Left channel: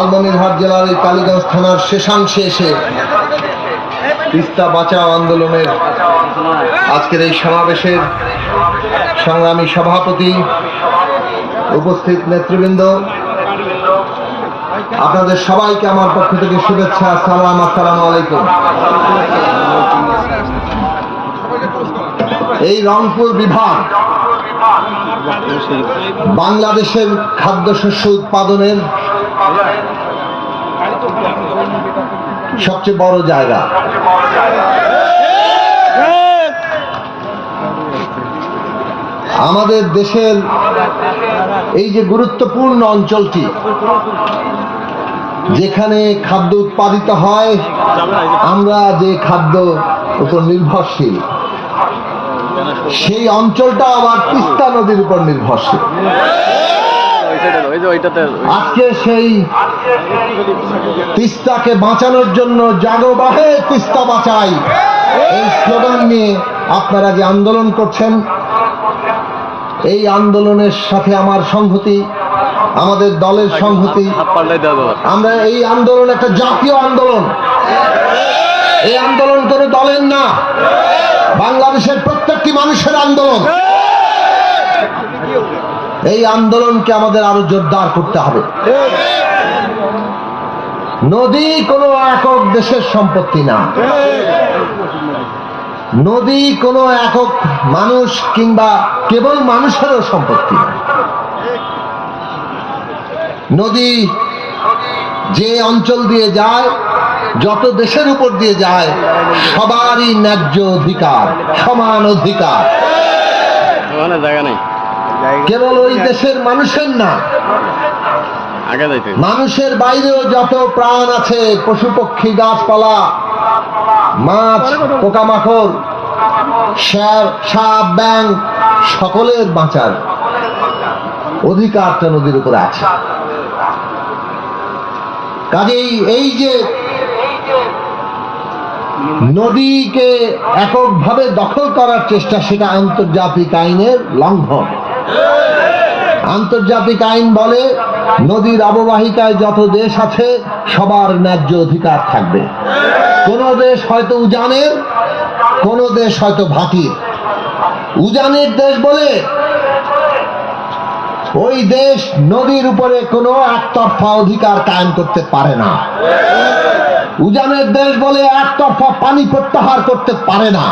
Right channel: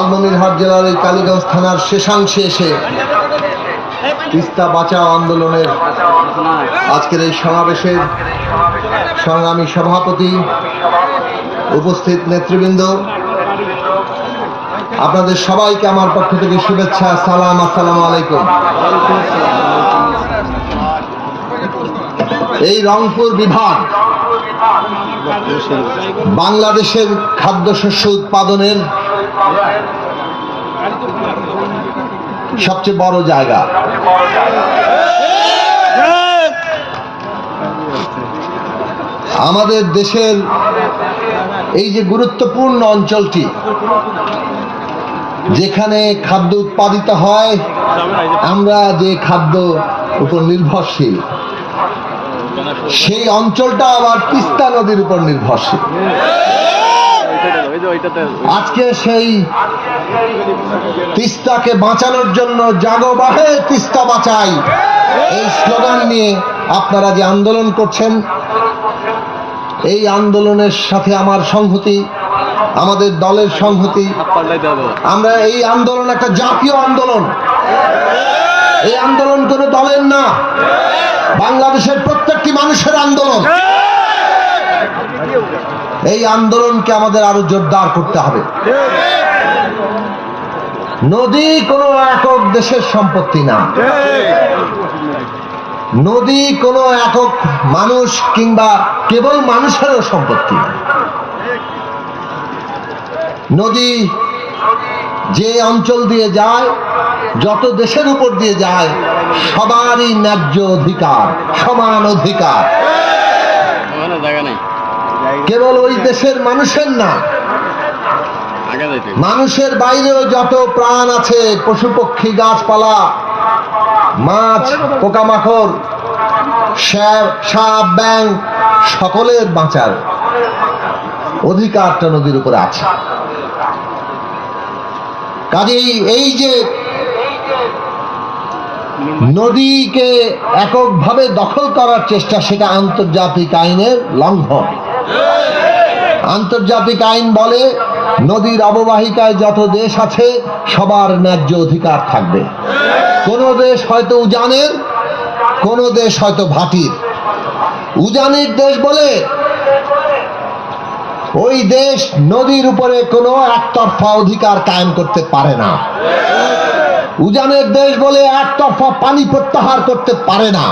লালমনিরহাট জেলার এই কালীগঞ্জ থানার শেষাংশে এসে তিস্তা বাঁচাও আন্দোলনের আজকের এই সমাবেশের সংগ্রামী সভাপতি উপস্থিত নেতৃবৃন্দ। আপনাদের সবাইকে আমার পক্ষ থেকে শুভেচ্ছা, সালাম, আসসালাম আলাইকুম। এই রংপুর বিভাগ বাংলাদেশের খাদ্যশস্য উৎপাদনের সবচেয়ে বড় জায়গা। আমাদের দেশের এই যে গুরুত্বপূর্ণ অঞ্চলটি, যেখানে খাদ্য উৎপাদিত হয়, আমরা যে খাদ্য উপর নির্ভরশীল, সেই অঞ্চলটা আবার তিস্তা নদীর উপর নির্ভরশীল। আজকে সেই তিস্তাকে বাঁচানোর জন্য জাগো বাহে তিস্তা বাঁচাই। এই স্লোগান নিয়ে আপনারা যে আন্দোলন করছেন, এই আন্দোলনের সাথে আমার সংহতি, আমাদের দলের সংহতি। আমরা এই আন্দোলন একটা জাতীয় আন্দোলন। এই আন্দোলন কোনো দলের না, বাংলাদেশের প্রত্যেকটি মানুষের আন্দোলন। এই আন্দোলনকে আমাদের আরও জোরদার করতে হবে। নদী কোনো একক দেশের সম্পত্তি না। নদী কোনো একক মানুষ কিংবা কেবল মানুষেরও সম্পত্তি। নদী যে অঞ্চল দিয়ে যায়, যত দেশের উপর দিয়ে যায়, সবারই ন্যায্য অধিকার, সমান অধিকার। জায়গা নেই। কেবল ওই দেশের মানুষের না। মানুষের বাইরেও যত প্রাণ আছে পশু পক্ষী গাছপালা মাছ পোকামাকড় সাপ সাপ ব্যাং সকলের বাঁচার অধিকারটা নদীর উপরে আছে। কাজেই এই যে নদীকে এককভাবে দখল করার চেষ্টা সেটা আন্তর্জাতিক আইনের লঙ্ঘন। আন্তর্জাতিক আইন বলে নদীর অববাহিকায় যত দেশ আছে, সবার ন্যায্য অধিকার থাকবে। কোন দেশ হয়তো উজানের, কোন দেশ হয়তো ভাটির। উজানের দেশ বলে ওই দেশ নদীর উপরে কোনো একতরফা অধিকার কায়েম করতে পারে না। উজানের দেশ বলে পানি প্রত্যাহার করতে পারে না।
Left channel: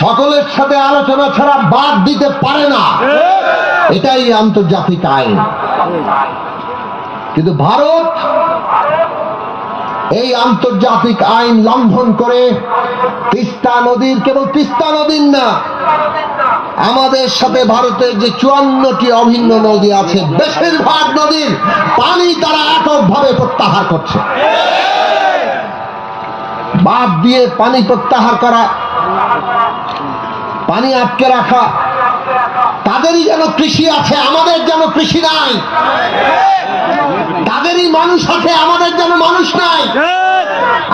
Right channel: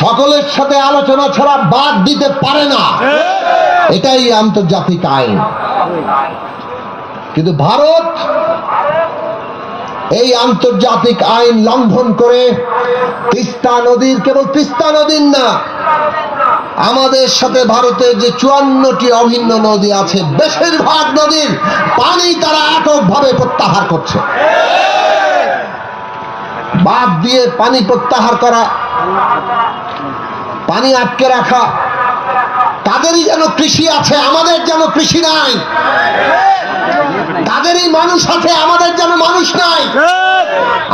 সকলের সাথে আলোচনা ছাড়া বাদ দিতে পারে না। এটাই আন্তর্জাতিক আইন। কিন্তু ভারত এই আন্তর্জাতিক আইন লঙ্ঘন করে তিস্তা নদীর কেবল তিস্তা নদীর না, আমাদের সাথে ভারতের যে চুয়ান্নটি অভিন্ন নদী আছে, বেশিরভাগ নদীর পানি তারা এককভাবে প্রত্যাহার করছে। বাদ দিয়ে পানি প্রত্যাহার করা পানি আটকে রাখা তাদেরই যেন কৃষি আছে আমাদের যেন কৃষি নাই। তাদেরই মানুষ আছে আমাদের যেন মানুষ নাই।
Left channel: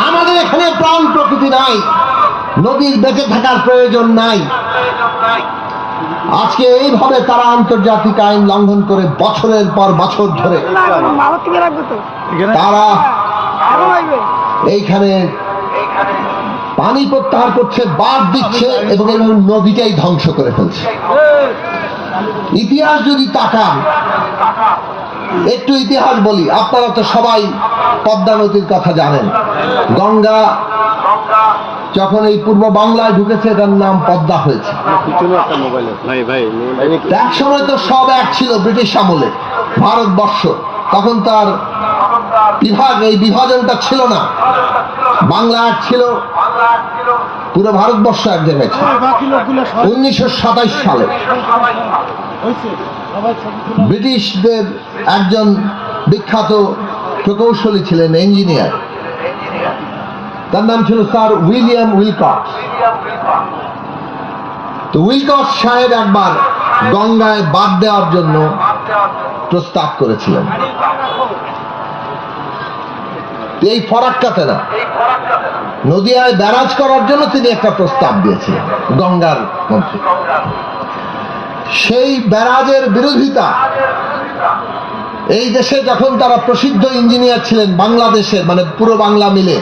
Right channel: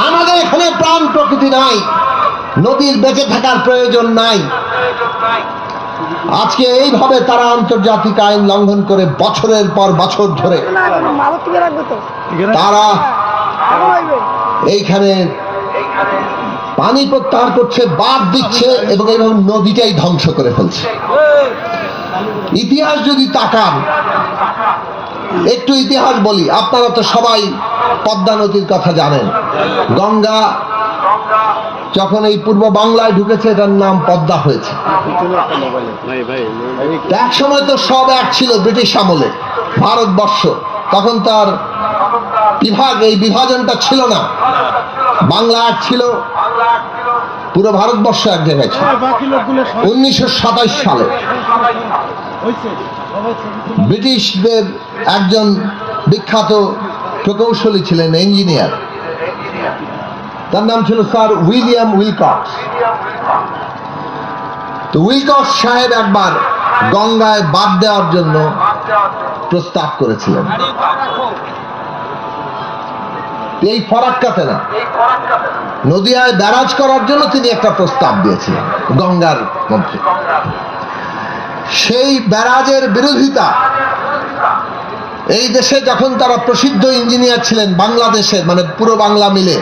আমাদের এখানে প্রাণ প্রকৃতি নাই। নদীর বেঁচে থাকার প্রয়োজন নাই। আজকে এইভাবে তারা আন্তর্জাতিক আইন লঙ্ঘন করে বছরের পর বছর ধরে। তারা এইখানে পানি প্রত্যাহার করছে বাদ দিচ্ছে এবং এবং নদীটাই ধ্বংস করে ফেলছে। ইতিহাস যদি তাকান একটু ইতিহাস বলি আপনারা তো সবাই পদ্মা নদীর কথা জানেন। গঙ্গা যখন এই পূর্ব বাংলায় ঢুকেছে এটার নাম পদ্মা হয়েছে। এক সময় তো সব এক ছিল ব্রিটিশ আমলে ভারতবর্ষ। তখন তার বিভাগ এই বিভাজনটা ছিল না। বাংলা এক ছিল পুরো ভারতবর্ষ এক জায়গায় ছিল। সব উনিশশো সাতাইশ সালে। ব্রিটিশদের একজন বিখ্যাত প্রকৌশলী ছিলেন ইঞ্জিনিয়ার। তার নাম ছিল স্যার উইলিয়াম উইলকক্স তো উইলকক্স সাহেব একবার গঙ্গায় বাদ দেওয়ার জন্য প্রস্তাব করেছিলেন। এই ফরাক্কাতে না। নদিয়ায় ব্যারাজ করার জন্য তিনি একটা প্রস্তাব দিয়েছিলেন গঙ্গার মধ্যে। সেই ব্যারাজের বিরোধিতা এই দেশে যখন তারা প্রসিদ্ধ ইঞ্জিনিয়ার ছিলেন বাংলাদেশের মানে পুরো বাংলা মিলে।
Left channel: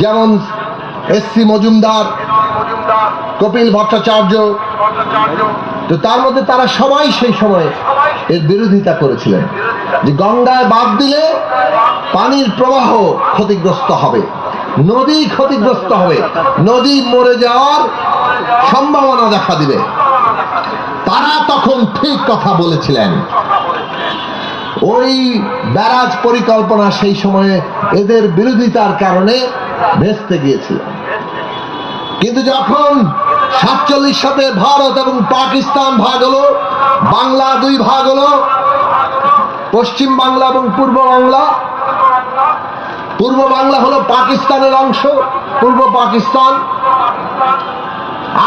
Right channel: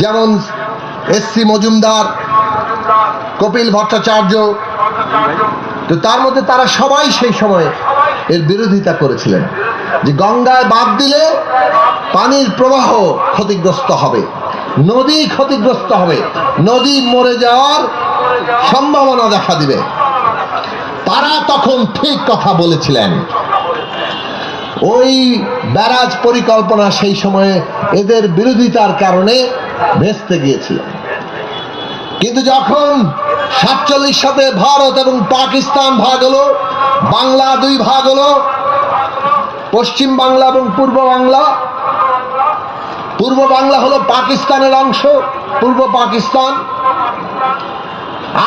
যেমন এস সি মজুমদার কপিল ভট্টাচার্য। তো তার মধ্যে তারা সবাই সেই সময় এর বিরোধিতা করেছিলেন। যে গঙ্গায় বাদ দিলে পানির প্রবাহ ক্ষতিগ্রস্ত হবে, নদী ক্ষতিগ্রস্ত হবে, নদী মরে যাওয়ার সম্ভাবনা দেখা দিবে। তারা তখন ঠিক কথা বলেছিলেন। ওই ব্যারাজ পরিকল্পনা সেই সময়ে এদের বিরোধিতার কারণে ভেস্তে গিয়েছিল। কিন্তু যখন সাতচল্লিশ সালে ভারত এবং পাকিস্তান ভাগ হলো, বাংলা দুই ভাগ হলো পশ্চিম বাংলা এবং পূর্ব বাংলা। পূর্ব বাংলা হলো পাকিস্তানের অংশ, পূর্ব পাকিস্তান।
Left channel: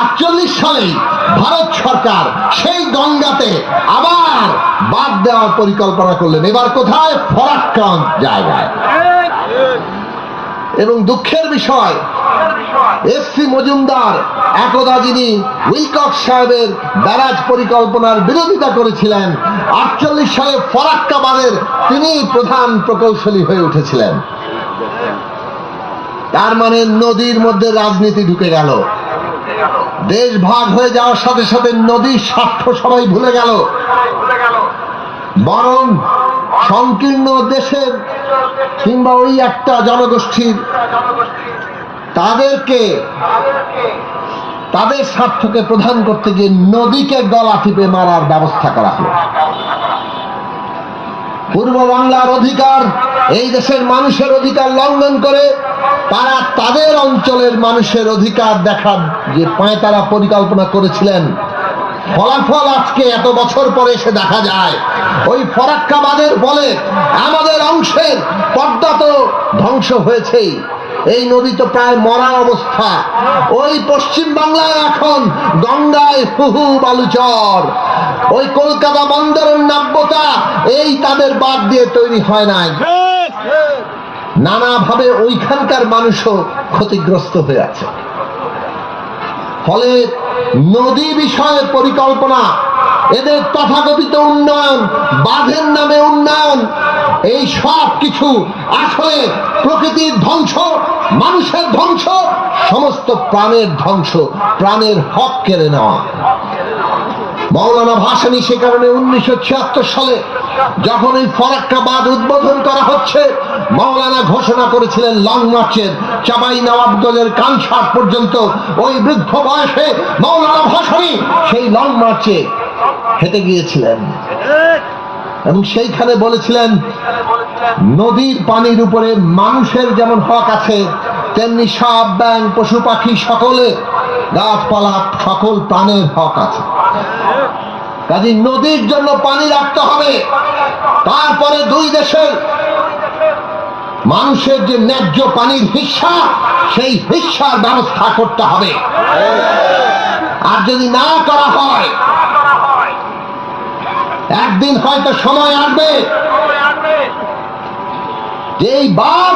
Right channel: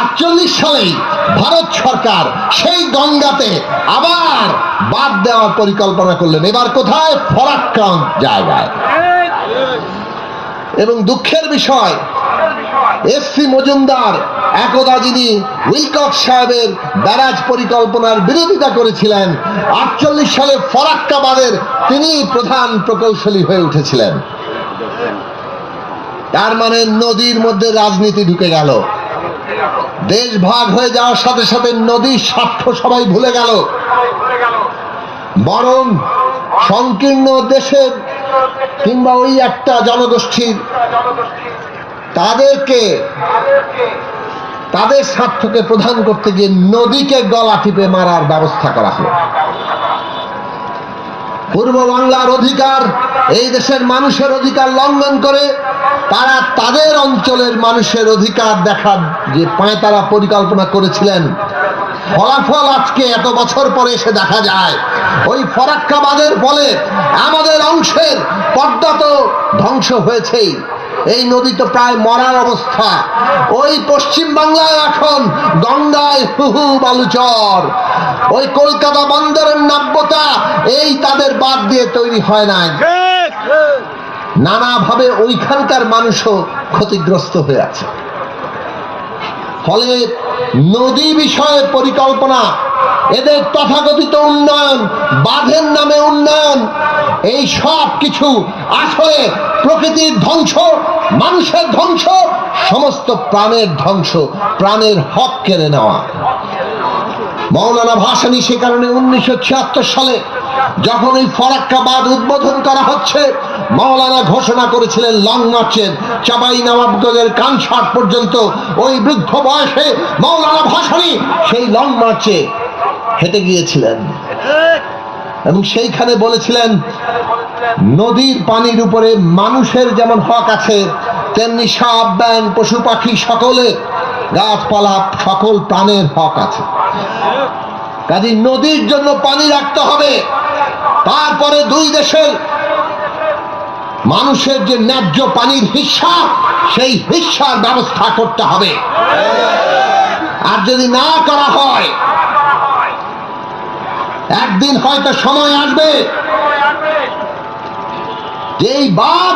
আটচল্লিশ সালে ভারত সরকার সেই গঙ্গাতে আবার বাদ দেওয়ার পরিকল্পনা করলেন। এবার কোথায়? ফরাক্কান জায়গায়। এবং দুঃখের বিষয় এসসি মজুমদার একদা যিনি উইলকট সাহেবের ব্যারাজ পরিকল্পনার বিরোধিতা করেছিলেন, আটচল্লিশ সালে ফরাক্কাবাদের তিনি প্রধান প্রকৌশলী হয়ে উঠেছিলেন। তার মানে নদীর মধ্যে রাজনীতি ঢুকে গেল। দেশ ভাগ হয়ে যাওয়ার সাথে সাথে নদীর স্বার্থ সবাই ভুলে গেল। বরং সংকীর্ণ দেশের কিংবা ওই একটা জনগোষ্ঠীর তাদেরকে, তাদের স্বার্থকে প্রধান করতে গিয়ে নদীকে গলা টিপে মারার ব্যবস্থা করা হলো। পূর্ব বাংলার অধিকার, এই দেশের মানুষের অধিকার লঙ্ঘন করে তারা তাদের অঞ্চলের মানুষের অধিকার দেখার যে পায়তারা পরিকল্পনা করেছিলেন। ফলাফল আজকে এত বছর পরে এসে দেখা যায়। ওই ফরাক্কাবাদের বলে আমাদের অংশের পর্দা তো ধ্বংস হয়েছেই। এই নদী তো প্রায় মরার অবস্থা। ওই পশ্চিম বাংলায় এখন গঙ্গায় হুহু বালুচর। ওই কলকাতা বন্দরের নাব্যতা এই তাদের বাদ দিয়ে তৈরি হয় নাই। নানাভাবে ওইখানকার মানুষও ক্ষতিগ্রস্ত হয়ে আছে। ফলে নদী বিষয়ে পরিকল্পনা এদের তথাকথিত উন্নয়ন বাঁধের নামে উন্নয়ন, এই সব কিছু আসলে প্রকৃতির ধ্বংস, মানুষের ধ্বংস, সমস্ত প্রাণের ধ্বংস, প্রাণের হক কেড়ে নেওয়া। মৌলানা ভাসানী সে কারণে উনিশশো ছিয়াত্তর সালে যখন এই ফরাক্কা বাঁধ উদ্বোধন করা হচ্ছে, মৌলানা ঘোষণা করেছিলেন লং মার্চের চাবাই নবাবগঞ্জের কানসাট পর্যন্ত ওই বৃদ্ধ বয়সে মৌলানা ভাসানী সেই লং মার্চে হেঁটে গিয়েছিলেন। এবং সেইখানে বলেছিলেন, নদীর পানির উপরে মানুষের যেমন হক আছে, তেমনি সাপ ব্যাং পশু পাখি সকলে গাছপালা, সকল প্রাণের হক আছে। কাজে নদীর জন্য পানি রাখতে হবে। তারপরে দুই দেশের মানুষের যে ন্যায্য পানির হিস্সা সেই হিস্সার ব্যবস্থা করতে হবে। আর যদি না করা হয় একদিন হয়তো সময় আসবে। এই বাঘ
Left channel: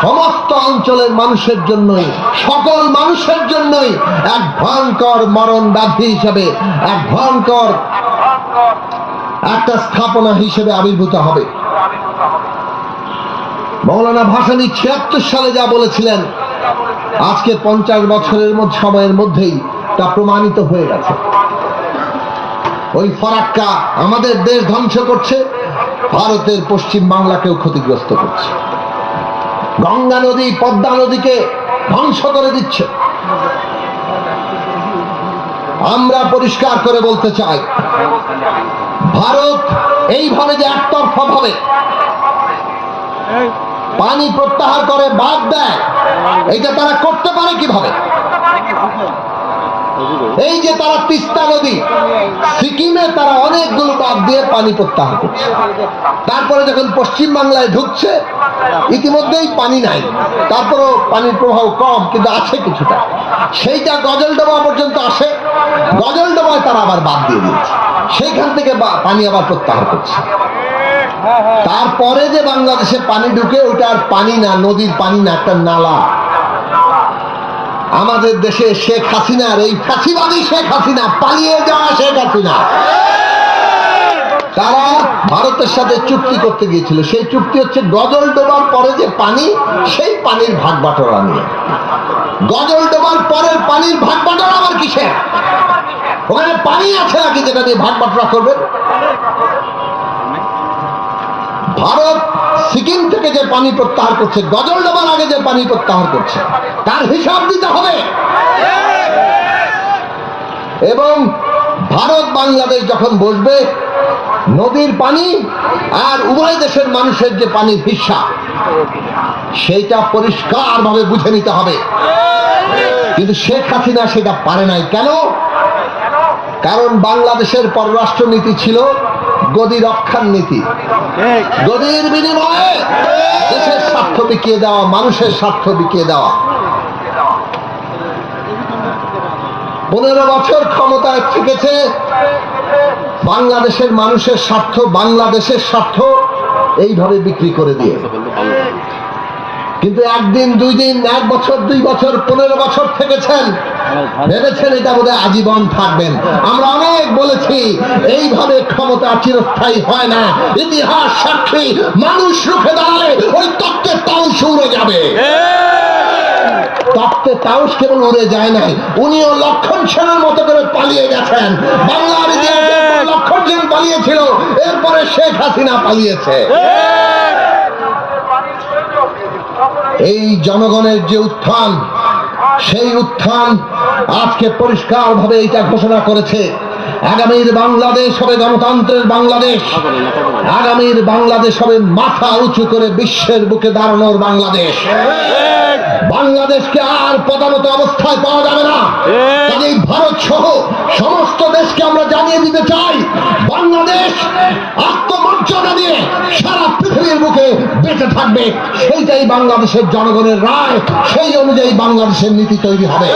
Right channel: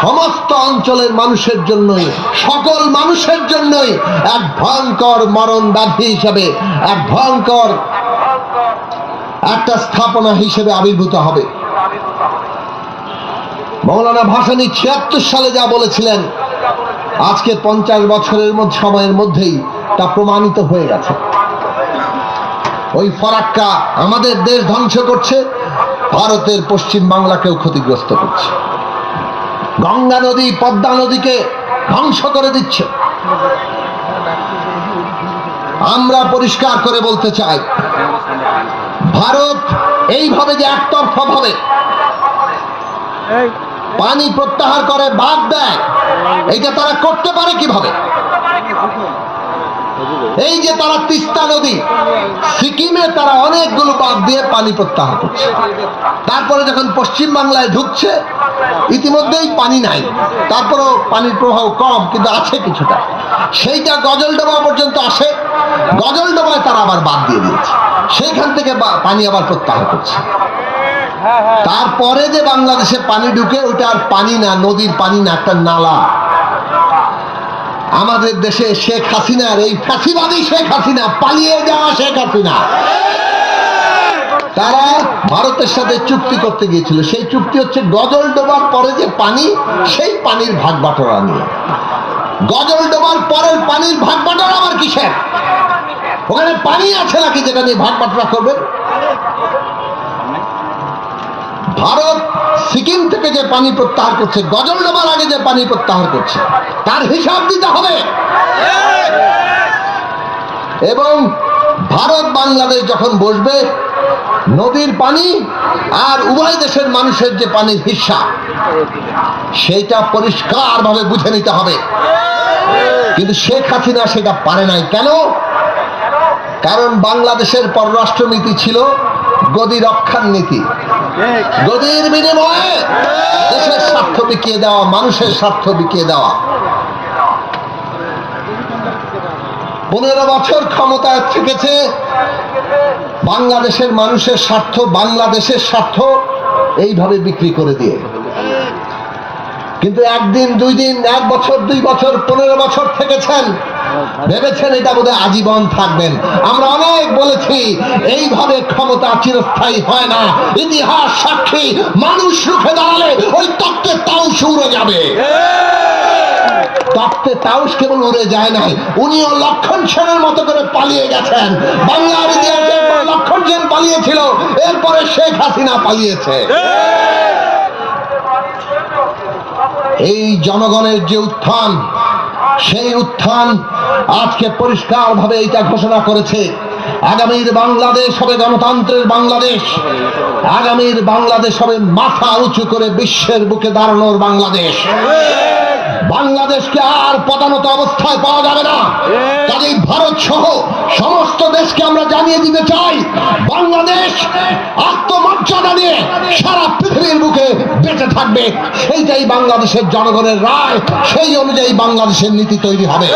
সমস্ত অঞ্চলের মানুষের জন্যই, সকল মানুষের জন্যই এক ভয়ঙ্কর মরণ ব্যাধি হিসেবে, এক ভয়ঙ্কর একটা স্থাপনা হিসেবে আবির্ভূত হবে। মৌলানা ভাসানী ছিয়াত্তর সালে যা বলেছিলেন, আজকে পঞ্চাশ বছরের সময়ের মধ্যেই তা প্রমাণিত হয়ে গেছে। ওই ফরাক্কা আমাদের দেশ ধ্বংস করছে, ভারতের পশ্চিম বাংলাকেও ক্ষতিগ্রস্ত করছে। গঙ্গা নদী, পদ্মা নদীকে ধ্বংস করে দিচ্ছে। আমরা পরিষ্কার করে বলতে চাই, ভারত এইভাবে যে একতরফা ভাবে পানি প্রত্যাহার করে বাদ দেয় এইটা তারা করতে পারে কীভাবে? এই যে তারা তিস্তা নদী, সিকিমে তারা অনেকগুলো বাদ দিয়ে পানি প্রত্যাহার করছে। তারপরে যখন পশ্চিম বাংলায় ঢুকছে, ইতিমধ্যেই পানি নাই। তারপরেও পানির প্রবাহ কম, কিন্তু আছে কিছুটা। সেইটা গজলডোবা পর্যন্ত আসে। গজলডোবায় তারা আবার বাদ দিয়ে দিয়েছে। সেইখান থেকে পানি আবার প্রত্যাহার করছে। তারপরে যে বাংলাদেশে পানি ঢুকে, ওটা আর পানি না, নদীর পানি না, একটা নালা। আমাদের দেশে শেখ হাসিনার এই ফাঁসিবাদী শেখ হাসিনা পালিয়ে যাওয়া শেখ হাসিনা। তারা ভারতের সাথে চুক্তি করতে গিয়েছিল। সেই চুক্তি হচ্ছে গজল ডোবার পরে যে পানি, সেই পানির ভাগ বাটোয়ারা নিয়ে। গজল ডোবার পরের পানির ভাগ বাটোয়ারা আবার কিসের? ওখানে পানি আছে নাকি যেটা নিয়ে ভাগ বাটোয়ারা করবেন ভারত সিকিম থেকে যে পানি প্রত্যাহার করছে, গজল ডোবার আগে যে পানি প্রত্যাহার করছে, তার হিসাব দিতে হবে। এবং ভারত বাংলাদেশ যখন বসবে, নদীর পানি আর উভয় দেশের মানুষের যে পানির হিস্সা সেইটা পরিষ্কারভাবে বুঝে নিতে হবে। কিন্তু শেখ হাসিনা সেটা পারে নাই। কেন? কারণ বাংলাদেশের পররাষ্ট্র নীতি ছিল গদি রক্ষার নীতি। গদির বিনিময়ে দেশের স্বার্থ বিকিয়ে দেওয়া, মানুষের স্বার্থ বিকিয়ে দেওয়া। পনেরো বছর ক্ষমতায় থেকেছে বাংলাদেশের মানুষের স্বার্থ, বাংলাদেশের স্বার্থ এইভাবে বিক্রি করে দিয়ে। কিন্তু একদিন, দুই দিন, এক বছর, দুই বছর, পনেরো বছর থেকেছেন। ভেবেছেন এটা বোধহয় আজীবন থাকবেন আমরা অনেক বলেছি, এইভাবে ক্ষমতা চিরস্থায়ী হয় না। ইতিহাস সাক্ষী, মানুষ রুখে দাঁড়ালে ওই তত্ত্বের তাও উড়ে যাবে। তত্ত্বে তাউস কেবল উড়ে যায় নাই, উনিও লক্ষণ সেনের মতো করে পালিয়ে গেছেন। বাংলার লক্ষণ সেন পালিয়েছিল, এরপরে শেখ হাসিনা পালিয়েছে। এই জনগণের যে উত্থান সেই উত্থান আজকে পরিষ্কারভাবে এইটা ঘোষণা করেছে। আগামীর বাংলাদেশ হবে গণতন্ত্রের বাংলাদেশ। আগামীর বাংলাদেশ হবে মাথা উঁচু করে বিশ্বের বুকে দাঁড়ানোর বাংলাদেশ। বাংলাদেশকে আর পদানত অবস্থায় পাওয়া যাবে না। ভারত সহ সমস্ত থাকবে, সেইটাই বাংলাদেশের জনগণের রায়, সেই অনুযায়ী বাংলাদেশের নীতি তৈরি হবে।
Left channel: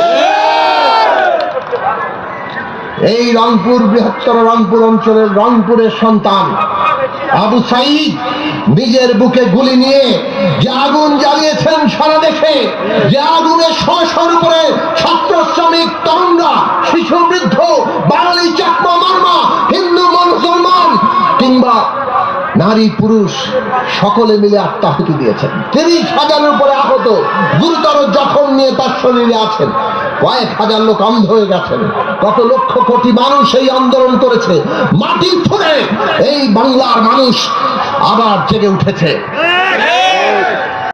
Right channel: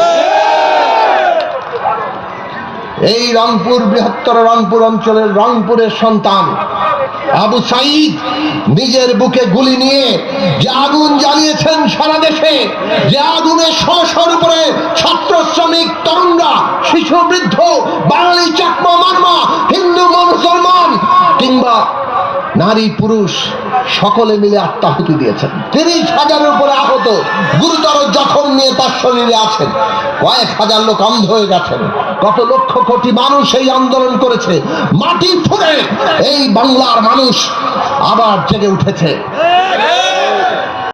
এই রংপুর, বৃহত্তর রংপুর অঞ্চলের রংপুরের সন্তান, আবু সাইদ, নিজের বুকে গুলি নিয়ে যে আগুন জ্বালিয়েছেন সারা দেশে, যে আগুনে শশর উপরে ছাত্র শ্রমিক, তরুণরা, শিশু, বৃদ্ধ, বাঙালি, চাকমা, মারমা, হিন্দু, মুসলমান, কিংবা নারী, পুরুষ সকলে মিলে আত্মাহুতি দিয়েছেন। তিরিশ হাজারের উপরে আহত, গুরুতর জখম নিয়ে তার শরীরে আছেন। কয়েক হাজার লোক অন্ধ হয়ে গেছেন। কত লক্ষ কোটি মানুষ এই আন্দোলন করেছে। মাটির ফুড়ে এই বাংলার মানুষ আবার জেগে উঠেছে।